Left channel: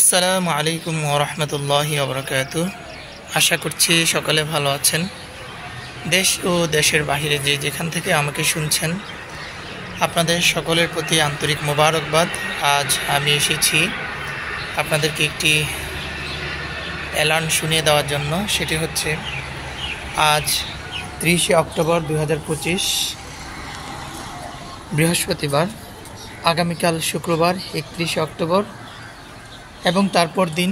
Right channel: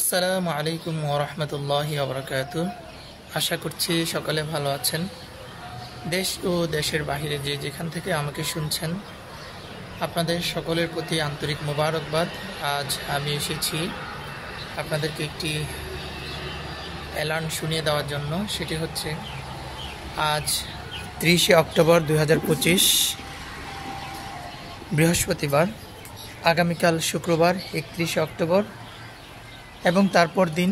আসসালামু আলাইকুম ওয়া রাহমাতুল্লাহি ওয়া বারাকাতুহু। আশা করছি সকলে ভালো আছেন। দেশ ও দেশের বাইরে যে যেখান থেকে আমাকে শুনছেন, আপনাদের সকলের প্রতি আন্তরিক মোবারকবাদ। আজ আমি এসেছি আপনাদেরকে একটি অ্যালার্ম শুনিয়ে দেওয়ার জন্য। সেটি হচ্ছে আজ 30শে অক্টোবর 2025 বৃহস্পতিবার, আগামীকাল শুক্রবার 31শে অক্টোবর এবং তারপর দিন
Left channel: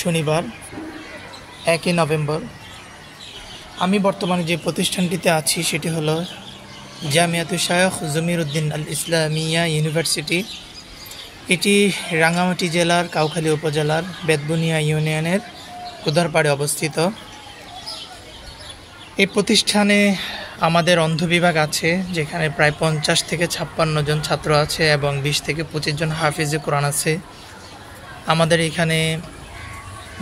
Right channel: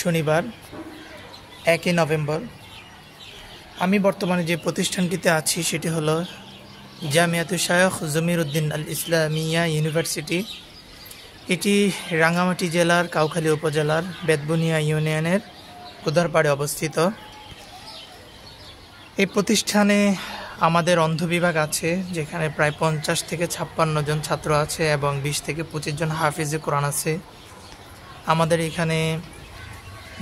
শনিবার 1 নভেম্বর। আমি বর্তমানে যে প্রতিষ্ঠানটিতে আছি সেটি হলো জামিয়াতুল শায়খ জমিরউদ্দিন আল ইসলামিয়া ইউনিভার্সিটি। এটি রাঙ্গামাটি জেলার কাউখালী উপজেলার বেতবুনিয়া ইউনিয়নের কুদারপাড়ে অবস্থিত। এই প্রতিষ্ঠানে আমাদের অন্ধ বিভাগ আছে, যেখানে প্রায় 50 থেকে 56 জন ছাত্র আছে এবং 20 থেকে 25 জন হাফিজে কোরআন আছে। আমাদের এখানে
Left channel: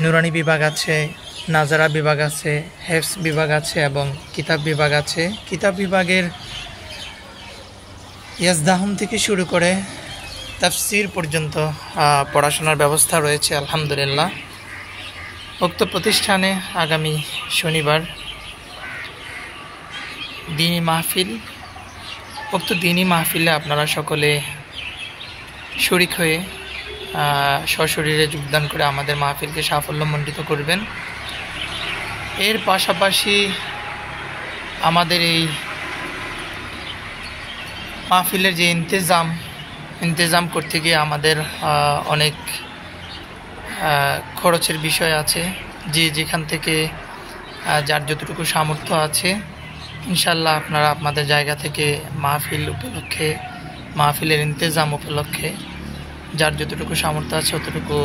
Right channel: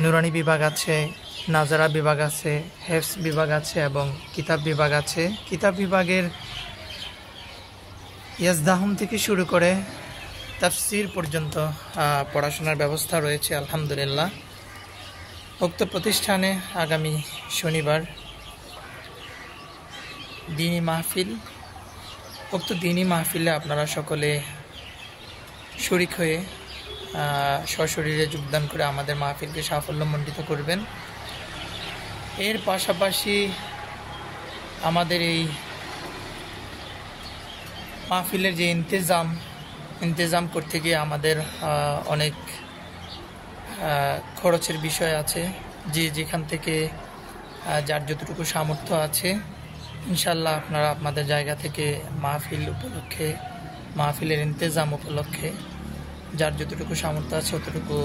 নুরানি বিভাগ আছে, নাজারা বিভাগ আছে, হেফস বিভাগ আছে এবং কিতাব বিভাগ আছে। কিতাব বিভাগের ইয়াজদাহম থেকে শুরু করে তাফসির পর্যন্ত পড়াশোনার ব্যবস্থা রয়েছে আলহামদুলিল্লাহ। উক্ত প্রতিষ্ঠানে আগামী শনিবার দ্বীনি মাহফিল। উক্ত দ্বীনি মাহফিলে আপনারা সকলে শরীক হয়ে সশরীরে যোগদান করে আমাদের মাহফিলকে সাফল্যমণ্ডিত করবেন। এর পাশাপাশি আমাদের এই মাহফিলের যে ইন্তেজাম করতে গিয়ে আমাদের অনেক খরচের বিষয় আছে। যে যেখান থেকে যার যতটুকু সামর্থ্য আছে, ইনশাল্লাহ আপনারা আপনাদের জায়গা থেকে মাহফিলের ইন্তেজাম উপলক্ষে যার যতটুকু সামর্থ্য আছে ততটুকু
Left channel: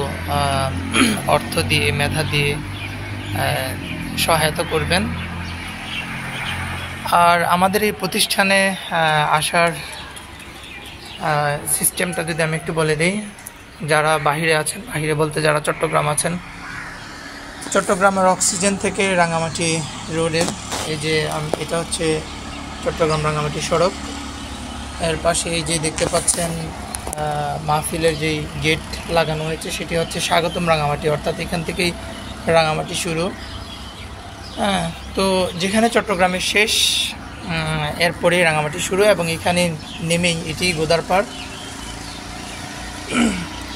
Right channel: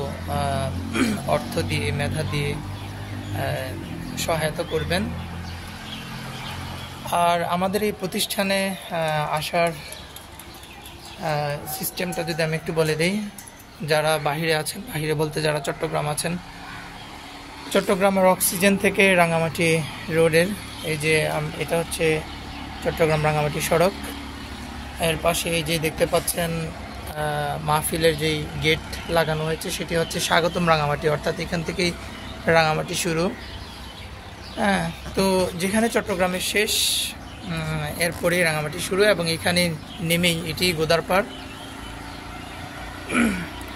অর্থ দিয়ে, মেধা দিয়ে সহায়তা করবেন। আর আমাদের এই প্রতিষ্ঠানে আসার সিস্টেমটা যদি আমি একটু বলে দিই, যারা বাহিরে আছেন, বাহিরে বলতে যারা চট্টগ্রাম আছেন, চট্টগ্রামের অক্সিজেন থেকে রাঙ্গামাটি রোডের এই যে এটা হচ্ছে চট্টগ্রাম রাঙ্গামাটি সড়ক। এর পাশে এই যে দেখতে পাচ্ছেন মাহফিলের যেই গেট লাগানো হয়েছে সেটি হচ্ছে স্বাগতম রাঙ্গামাটি, অর্থাৎ এখান থেকেই রাঙ্গামাটি শুরু। তো যেখানে চট্টগ্রামের শেষ এরপরেই রাঙ্গামাটি শুরু এবং এখানে নেমেই এটি গোদারপাড়।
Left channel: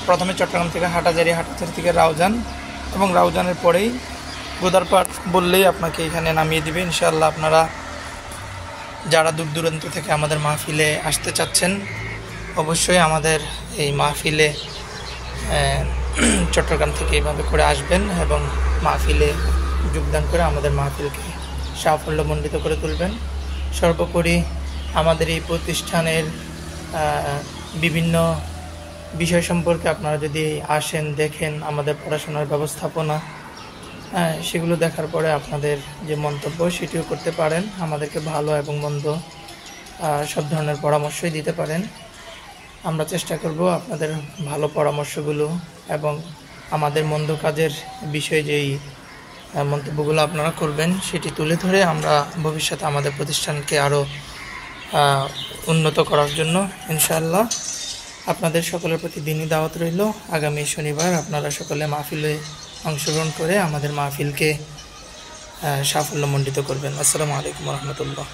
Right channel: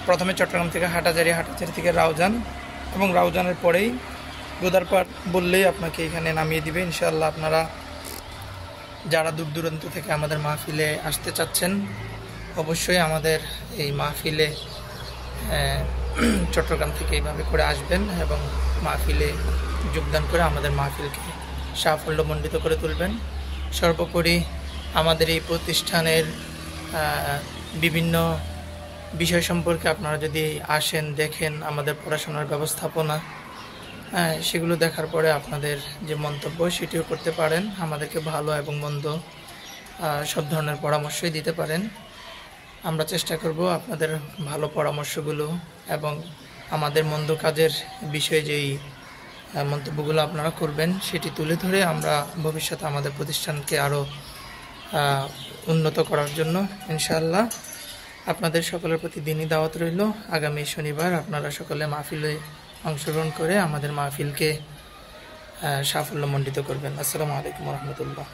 প্রথমে চট্টগ্রাম থেকে হাটাজারি থেকে রাউজান এবং রাউজানের পরেই গোদারপাড় বললেই আপনাকে এখানে নামিয়ে দেবে। ইনশাআল্লাহ আপনারা যারা দূর দূরান্ত থেকে আমাদের মাহফিলে আসতে চাচ্ছেন, অবশ্যই আমাদের এই মাহফিলে চট্টগ্রাম থেকে এইভাবে করে আসবেন এবং মাহফিলে যোগদান করে আমাদের মাহফিলকে সাফল্যমণ্ডিত করে তুলবেন। সর্বোপরি আমাদের এই প্রতিষ্ঠানের বিভিন্ন বিষয় সম্পর্কে আপনারা যদি আসেন, দেখেন আমাদের পড়াশোনার ব্যবস্থাপনা, সেগুলো দেখার পরে আপনাদের যে মন্তব্য সেটিও করতে পারেন। আমাদেরকে ভালো এবং মন্দ সব ধরনের পরামর্শই দিতে পারেন। আমরা চেষ্টা করব আপনাদের ভালো পরামর্শগুলো এবং আমাদের মন্দ কাজের বিষয়ে যেই মন্তব্যগুলো আপনারা করবেন সেটি তুলে ধরে আমরা ভবিষ্যতে আমাদের প্রতিষ্ঠানকে আরও উন্নত করার জন্য ইনশাআল্লাহ আপনাদের সকলের প্রতি দিনই দাওয়াত রইল। আগামী শনিবার আপনারা সকলে মাহফিলে অংশগ্রহণ করে আমাদের মাহফিলকে সাফল্যমণ্ডিত করবেন। আসসালামু আলাইকুম ওয়া রাহমাতুল্লাহ।